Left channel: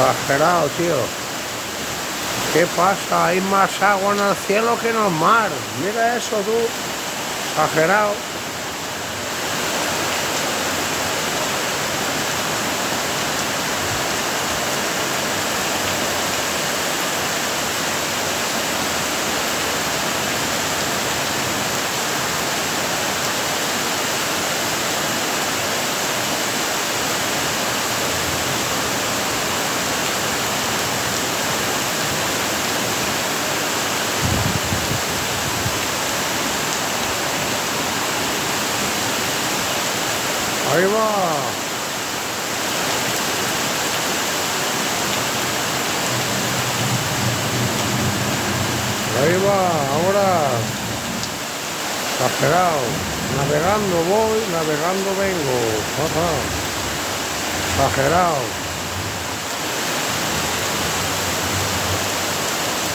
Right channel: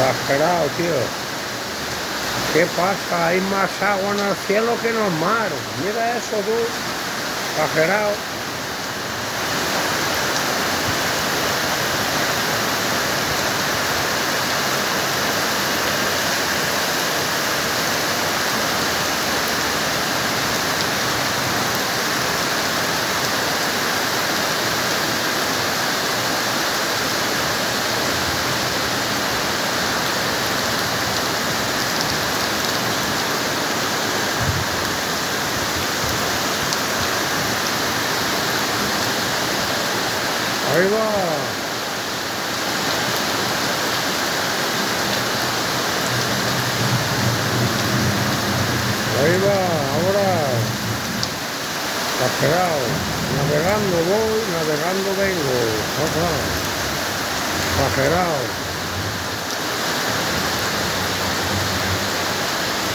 Exagerado, tío. ¿Qué pasa? Hay más agua en el cielo que en el mar. Mira eso, tú. Exagerado. Ahí va. Ahí va, ahora. Exagerado. Navegando voy, navegando vengo. Ajá. Exagerado.